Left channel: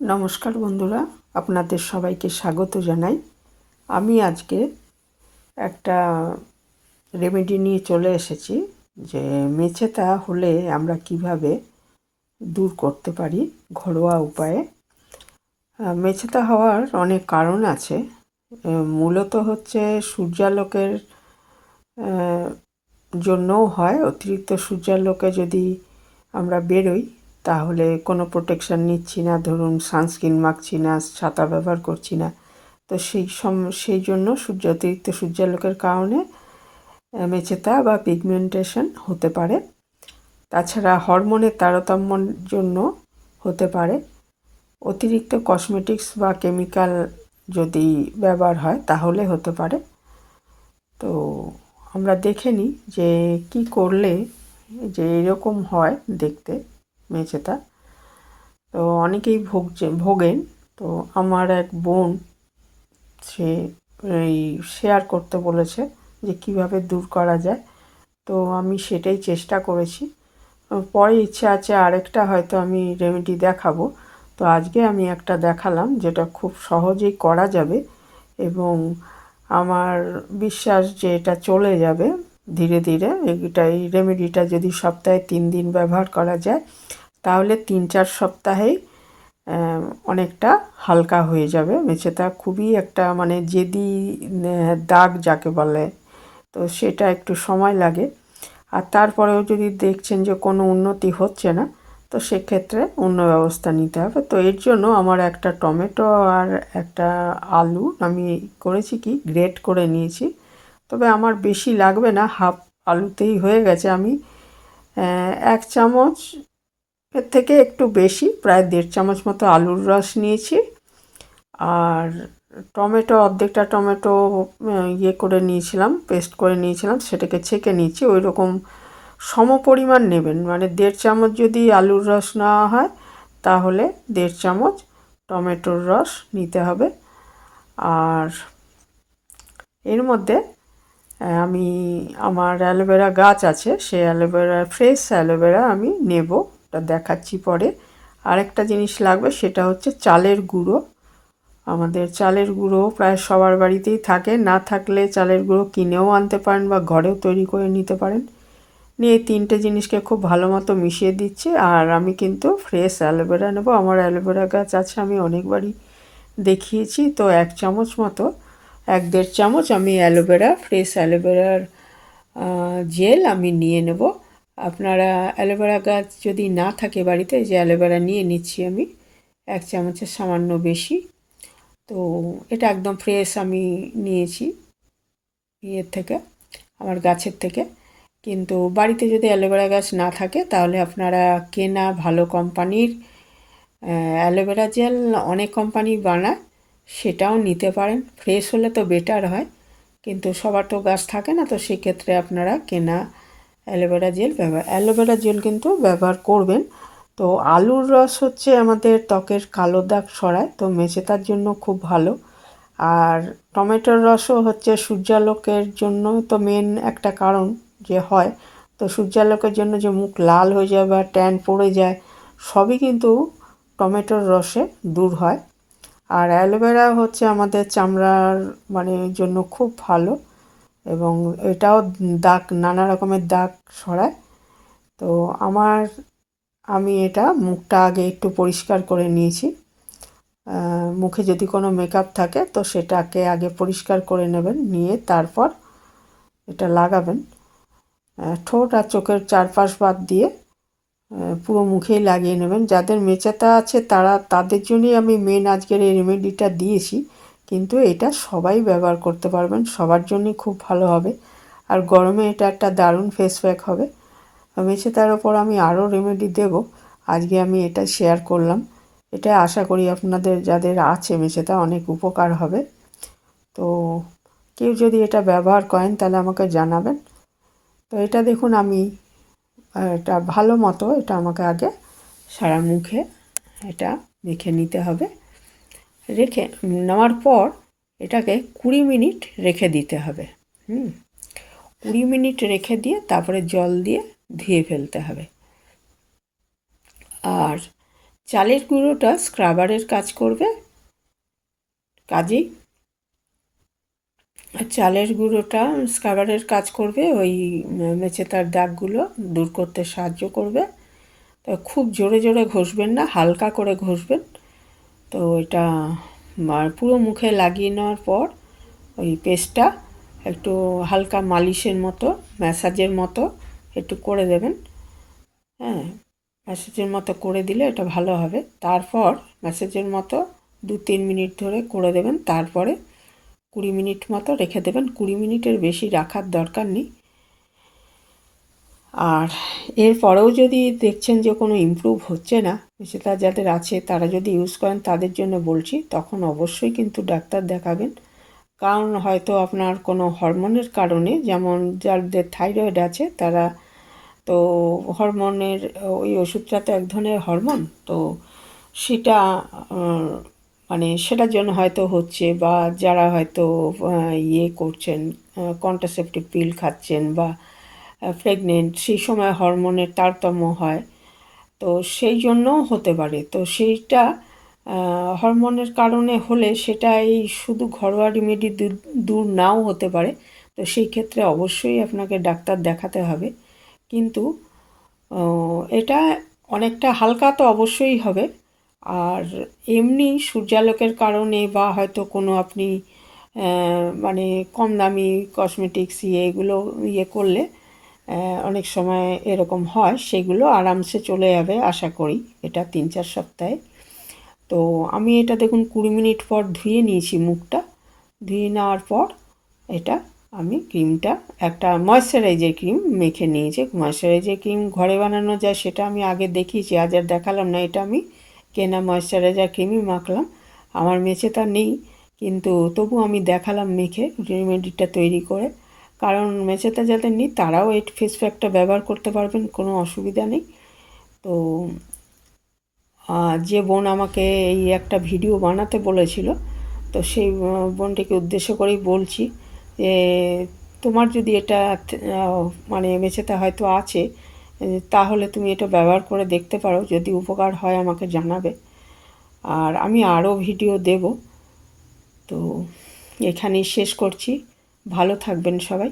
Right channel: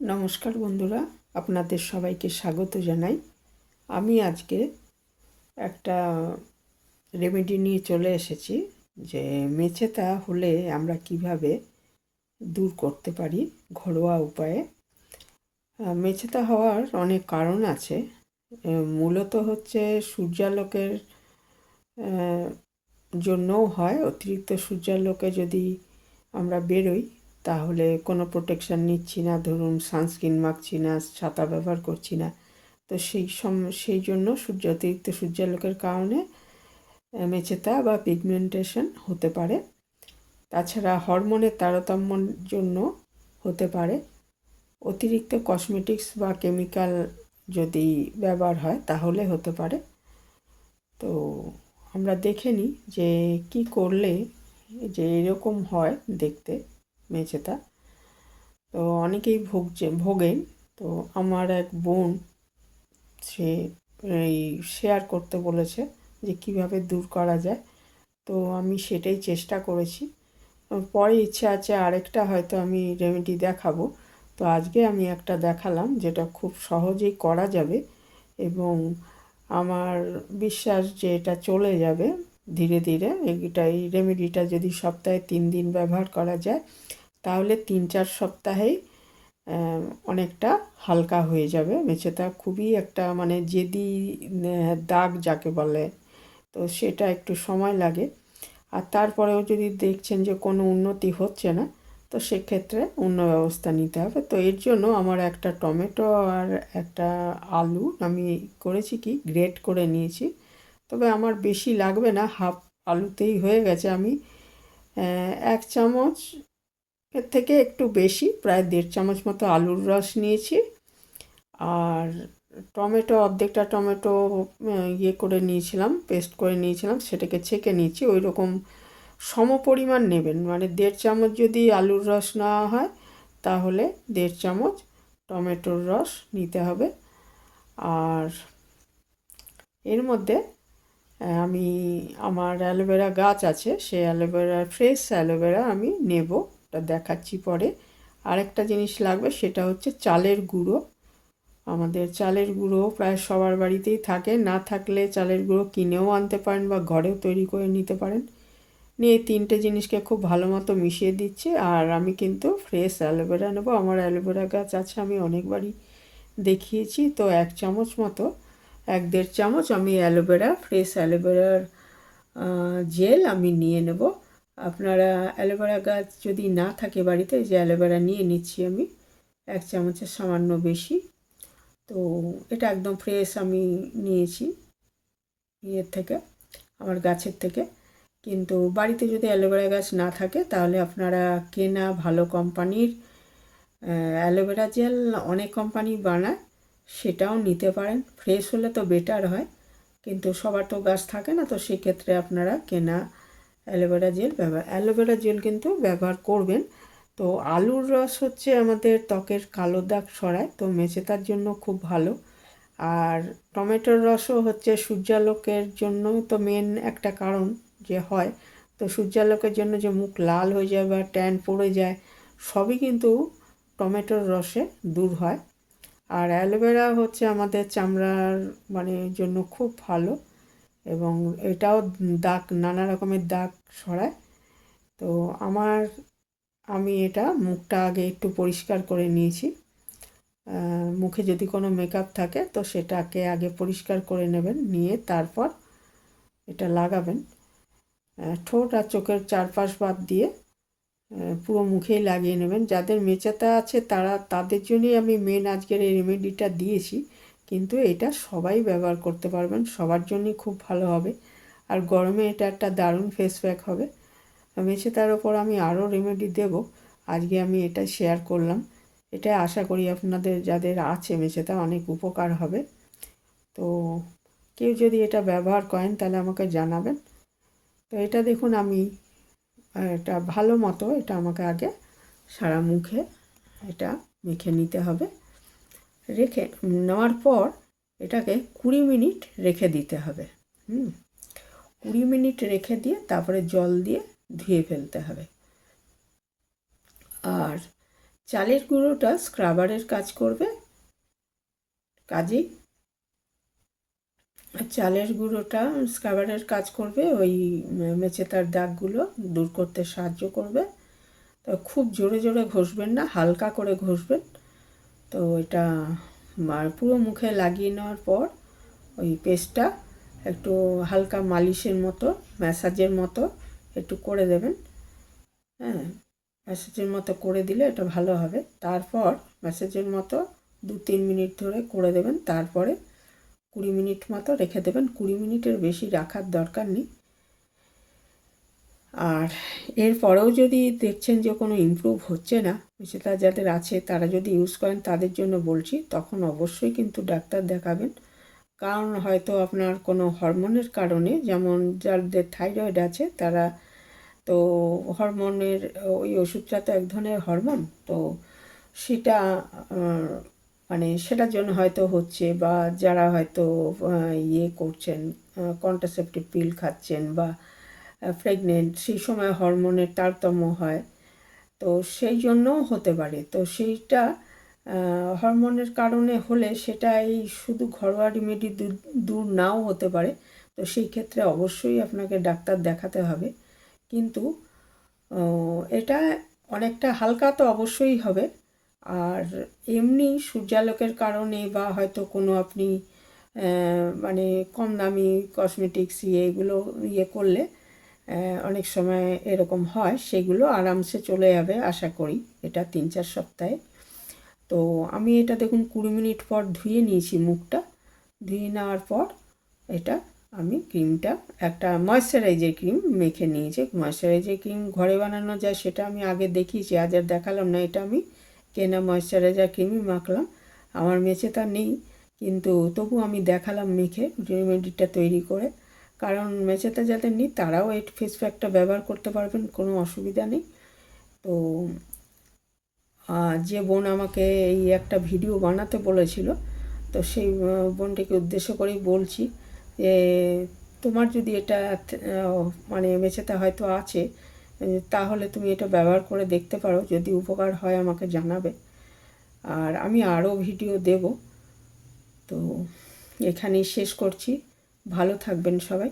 নমস্কার বন্ধুরা, আপনাদের সবাইকে স্বাগত জানাই। আমি আজকে একটা রেমেডি নিয়ে চলে এসেছি যে মেছেতা হলে আমরা কিভাবে দূর করতে পারি ঘরোয়া উপায়ে। মেছেতা হওয়ার অনেক কারণ আছে। মূলত হচ্ছে সূর্যালোকের জন্যও হয়। অতিরিক্ত সূর্যালোকে যদি আমরা বেরোই তাহলে কোনো প্রোটেকশান নিচ্ছি না, ধরুন সানস্ক্রিন মাখছি না, ছাতা ব্যবহার করছি না, তো সেই জন্য অতিরিক্ত সূর্যালোকের কারণে মেছেতা বা পিগমেন্টেশন হতে পারে। তাছাড়া হরমোনের তারতম্যর জন্য হতে পারে। অতিরিক্ত কসমেটিক্স বা কেমিক্যাল যদি ব্যবহার হয় তাহলে হতে পারে। তো আমরা দেখে নিই যে কি করলে যে এরকম হয় দেখতে মেছেতা। তো অনেকেই ভোগেন। তো আমার এক বোন সে এই শেয়ার করতে বলেছে যে কিভাবে দূর করা যায়। তো আমি সেটাই চেষ্টা করেছি। পরে ইচ্ছা আছে আরেকটা হয়তো আমি রেমেডি দেখাবো। তো আজকে আমি একটা দেখালাম যেটা খুব সহজেই করা যাবে এবং আমার বিশ্বাস যে এটা চলে যাবে ধীরে ধীরে। এই রেমেডিটা যদি সপ্তাহে 3 দিন ব্যবহার করা যায় তাহলে 3-4 সপ্তাহেই অনেকটা হালকা হয়ে যাবে। মেছেতা খুবই একটা মানে জেদি দাগ যাকে বলে, তো সেটা একটু সময় লাগে। আর তারপরেও যদি দেখছেন যে কোনো উন্নতি হচ্ছে না, তো সেক্ষেত্রে অন্য ব্যবস্থা নিতে হবে। তো এর জন্য আমার একটা টমেটো আর একটা আলু আমি করেছি কি গ্রেট করে নিয়েছি। তবে আমার বেশি লাগবে না, হাফ আলুতেই হয়ে গেছে। আমি 1 চামচ এর থেকে একটু বেশি, প্রায় 1.5 চামচ মতো আলুর রস নিয়েছি। আর টমেটো অর্ধেকটা টমেটো ইয়ে করে নিয়েছিলাম, পেস্ট করে নিয়েছিলাম, সেটাকে ছেঁকে নিয়েছি। ওই রকম সমপরিমাণ নেবেন, মানে 1.5 চামচ যদি আলুর রস নেওয়া হয় তাহলে 1.5 চামচ টমেটোর রস নিতে হবে। আর এর মধ্যে আমি আমার অ্যালোভেরা গাছ আছে, সেই অ্যালোভেরা ফ্রেশ অ্যালোভেরা আমি নেব, ওটা দেখাচ্ছি পরে। আরেকটা জিনিস লাগবে, সেটা হচ্ছে চালের গুঁড়ো। আমাদের চালের গুঁড়ো প্রায় সবার বাড়িতেই থাকে, না থাকলে চালের গুঁড়ো কিনেও আনতে পারেন বা ঘরেও তৈরি করে নিতে পারেন। নিয়ে এই 3টে জিনিসকে খুব ভালো মতো মিশিয়ে দিচ্ছি। আর আমি কিন্তু ফ্রেশ অ্যালোভেরা নেব, আমার অ্যালোভেরা গাছ আছে, আমি অনেকবারই দেখিয়েছি। তো 1 চামচ মতো, 1-1.5 চামচ আমি অ্যালোভেরা ফ্রেশ অ্যালোভেরার জেল আমি নিয়ে নেব। আপনারা অ্যালোভেরা গাছ যদি না থাকে বাড়িতে, যে অ্যালোভেরা নিয়ে নিচ্ছি আমি 1 চামচের সামান্য বেশি। তো এটা একদম ফ্রেশ আমি নিয়েছি ইয়ের থেকে, আমার গাছের থেকে। কিন্তু বাড়িতে যদি অ্যালোভেরা গাছ না থাকে তাহলে আপনারা কেনা ভালো কোম্পানির অ্যালোভেরা জেল অনেক কোম্পানি বানায়, সেটাও নিতে পারেন। ফ্রেশ হলে তো বেটার হয়, কিন্তু সবার তো গাছ থাকে না, তো সেক্ষেত্রে আপনারা কেনা অ্যালোভেরা জেল কিন্তু ব্যবহার করবেন। তো আলুর রস হচ্ছে আমাদের ত্বকের কালো দাগ সরায়, তো মেছেতার জন্য খুব ভালো। আর টমেটোর রসও হচ্ছে সূর্যালোকের জন্য তো মেন একটা কারণ যে হয়। তো সূর্যালোকের জন্য যে মুখ লাল হয়ে যায় বা ট্যান পড়ে যায়, সবই কিন্তু টমেটোর রসে দূর হয়। আর অ্যালোভেরা হচ্ছে আমাদের চামড়ার মানে জন্য খুব ভালো, এবং এটাও দাগ, নানা রকমের দাগ সরায়। তো আমি এটা মুখটা আগে একটু পরিষ্কার করে নিয়েছি। মুখে যদি কোনো মেকআপ থাকে তো সেটাকে আগে পরিষ্কার করে নেবেন, নিয়ে তারপর এটা লাগাবেন। ঠোঁট আর চোখের চারপাশ বাদ দিয়ে পুরো মুখেই লাগিয়ে নেবেন। যাদের মেছেতা আছে তাদের জন্যই আমি মেন আজকের এই রেমেডিটা দিয়েছি, কিন্তু এটা সবাই ব্যবহার করতে পারবেন, সবার জন্যই খুব ভালো হবে। আর গরমে এটা একটা দারুণ ফেস প্যাক হবে। মেছেতার ওপর আমি আরও রেমেডি দেব, আজকে আমি এটা শেয়ার করলাম। এটা আশা করি আপনাদের যাদের আছে মেছেতা অনেক উপকার হবে। তো কেউ যদি এটা ব্যবহার করেন তাহলে আমাকে জানাবেন। তো এটা দেখুন, আমি এটা ভালো মতো এটা আমাকে আগে সারা মুখে এটা মেখে নিতে হবে। রেখে নেওয়ার পর এটাকে 20 মিনিট রেখে দিতে হবে। 20 মিনিট রেখে দিয়ে তারপরে জল দিয়ে ধুয়ে ফেলতে হবে। আর চালের গুঁড়োটা স্ক্রাবারের কাজ করবে, কাজেই চালের গুঁড়োটা স্ক্রাবারের কাজ করবে, ওই মেচেতার দাগগুলো দূর করতে সাহায্য করবে। তো খুব জোরে জোরে ঘষবেন না, হালকা করে ঘষবেন। তো এটা পুরো মুখে লাগিয়ে নেওয়ার পর ওই পেস্টটা একটু হালকা মালিশের মতো, ম্যাসাজের মতো একটু করে দেবেন। হ্যাঁ, ম্যাসাজের মতো করে দিলে এটা ভালো হবে। তারপর ম্যাসাজের মতো 2-3 মিনিট ধরে করে দেবেন। তারপরে 20 মিনিট মতো রেখে দেবেন। 20 মিনিটের বেশি রাখার দরকার নেই। আর এরপরেও যদি দেখছেন যে কোনো ইমপ্রুভ হচ্ছে না, সেটা যাদের আছে তারা যদি ইউজ করেন তাদের জন্য বলছি, তখন অবশ্যই কিন্তু ডাক্তার দেখাবেন। কারণ হয়তো আপনার কোনো হরমোনের কারণে, যেমন যাদের থাইরয়েড আছে তারা তো হরমোনের ওই ওষুধটা তো এক ধরনের হরমোন, তো সেটা মানে সেটার জন্য হয়তো হচ্ছে, বা যারা হয়তো ইয়ে করছেন, কন্ট্রাসেপটিভ পিল খাচ্ছেন বা প্রেগনেন্ট, সেই সময় হরমোনের তারতম্য হয়, তো সেই জন্যও হতে পারে। তো সেইটা হরমোনের কারণে হলে সেটা এই শুধু ঘরোয়া রেমেডি দূর নাও হতে পারে। তো সেই ক্ষেত্রে অবশ্যই আপনাকে ডাক্তার দেখাতে হবে। কিন্তু এটা অনেকটা হালকা তো অবশ্যই হবে। আর এমনি সূর্যালোকের কারণে বা হয়তো কোনো আপনি মানে কম দামি কসমেটিক্স এগুলো করলে অনেক সময় এরকম হয়, সেগুলো আরামসে চলে যাবে আশা করি, এটা 3-4 সপ্তাহে। তো আমি এটা দেখুন 20 মিনিট পর ধুয়ে নিয়েছি মুখটা। ধুয়ে নেওয়ার পর এটা আমি ক্রিমটা, একটা ময়েশ্চারাইজার ক্রিম মেখে নিয়েছি। ময়েশ্চারাইজার ক্রিম ঘরে বানানো যায়, সেটা আমি আগে দেখিয়েছি, আজ আর দেখালাম না। এটা আমি কেনা ময়েশ্চারাইজার ক্রিমই মাখলাম। আমার মেঝেটা নেই, কিন্তু তবু আমি দেখালাম মেখে রেমেডিটা তৈরি করে। কারণ মেঝেটা যাদের নেই তারাও এই ফেস প্যাকটা ব্যবহার করতে পারবেন, কোনো অসুবিধা নেই। তো যে বোন আমাকে এই একটা ভিডিও বানাতে বলেছিল, তো সেই বোনটিকে উদ্দেশ্য করেই বলছি যে তোমার যদি এটা মানে মেঝেতে হয়তো আছে, তাহলে তুমি এটা ব্যবহার করে দেখতে পারো, যদি উপকার হয় আমাকে জানাবে। আর আমি আরও ভিডিও দেব। তো এখানেই শেষ করছি। ভালো থাকবেন সবাই।